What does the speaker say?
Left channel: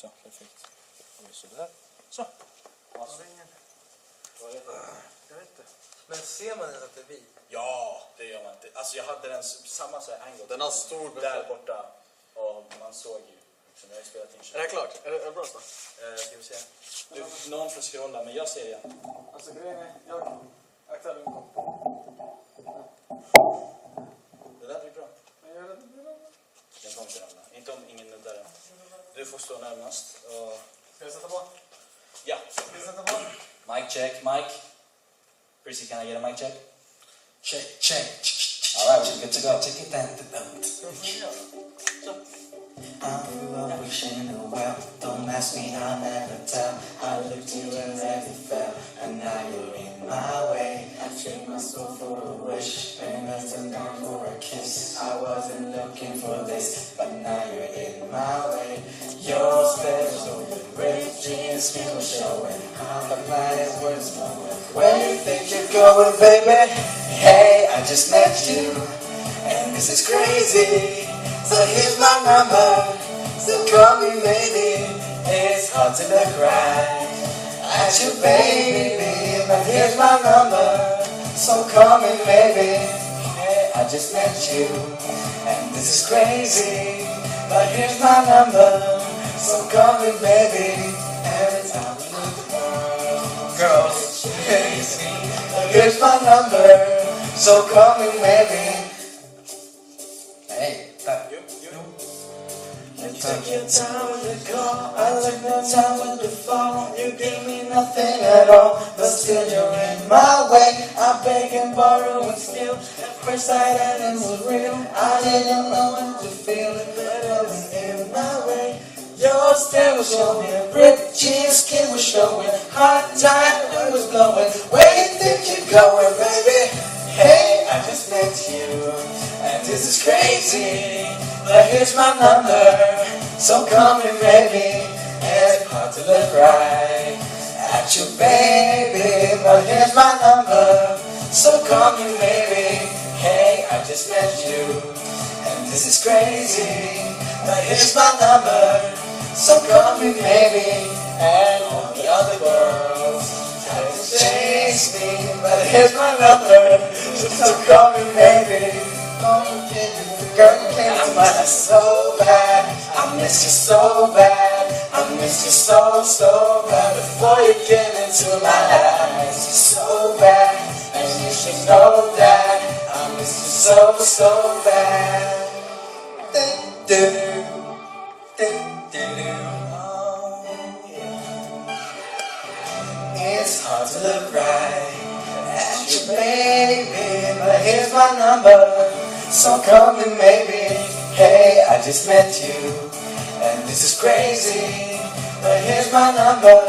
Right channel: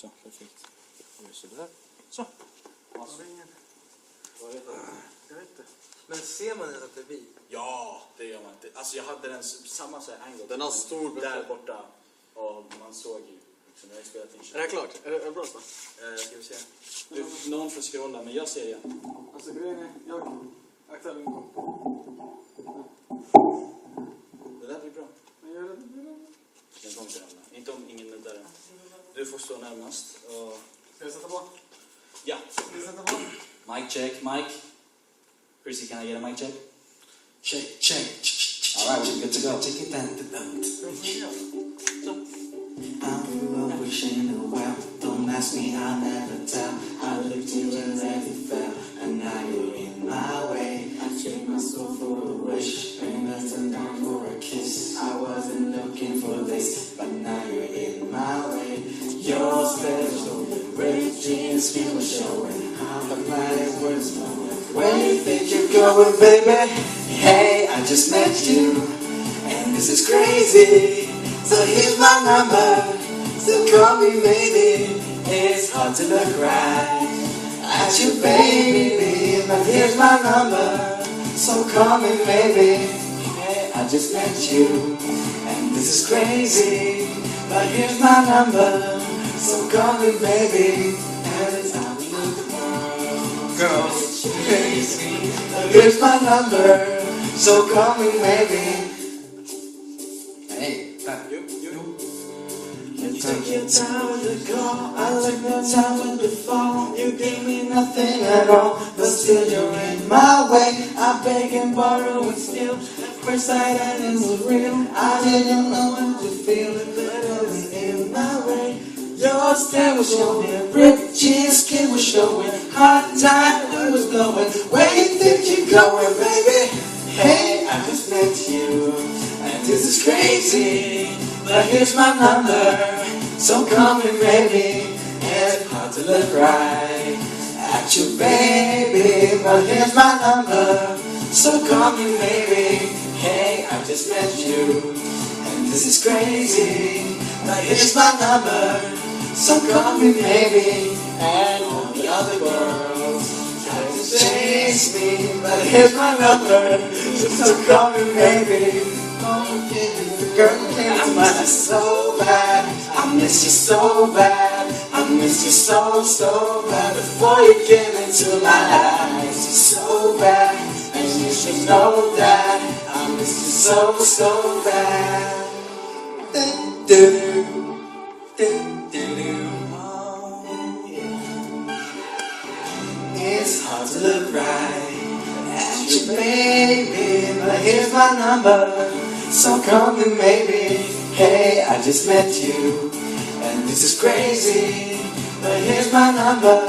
Så, perfekt. Gör sådär. Så. Alltså. Vad är det? Jag vet inte. Men ser man ens att det är vi? Ja, det gör man inte. Alltså jag hade den samma så här angle. Den har stor där borta. Och man såg ju. Liksom, jag har spelat in. Är det klart? Är det bra så? Ska vi se. Någon får scrolla, men jag ser igen. Alltså grejen är, jag aktar min kom. Det där blir bra. Men gör det. Den kommer inte ramla. Inte om ingen nuddar den. Du får stå närmast. Och... Ska jag sätta på? Ja. Ska jag sätta på? Mic check, mic. Chrissy, can I get a mic check? Check, check. All right, we're good to go. Check it down. Ska jag få göra? I grew up wishing you well. Don't ask me, I'll never tell. I looked you and let it fell. And now you're in my way. I traded my soul for a wish. And I turned down for a kiss. I wasn't looking for this. But now you're in my way. You're special. Ripped jeans, skin was showing. How the planet was flowing. Where you think you're going, baby? Hey, I just met you. And this is crazy. So here's my number. So call me maybe. It's hard to look right at you, baby. But here's my number. So call me maybe. Hey, I just met you. And this is crazy. But here's my number. So call me baby. Every time we look the world, girls chase me. But here's my number. So call me maybe. Hey, you take your time with the call, I took no time with the fall. You gave me nothing at all, but still you're in my way. I beg and borrow and steal. At first sight and it was real. I didn't know what to feel, but it was in my way. Your stare was showing, ripped jeans, skin was showing. Hot time, wind was blowing. Where you think you're going, baby? Hey, I just met you, and this is crazy. But here's my number, so call me maybe. It's hard to look right at you, baby. But here's my number, so call me maybe. Hey, I just met you, and this is crazy. But here's my number, so call me maybe. And all the other girls try to chase me. But here's my number, so call me maybe. Girl, you came to my life so bad. I miss you so bad. I miss you so, so bad. Before you came into my life, I miss you so bad. And you should know that I miss you so, so bad. It's hard to look right at you, baby. But here's my number. So call me maybe. Hey, I just met you, and this is crazy. But here's my number.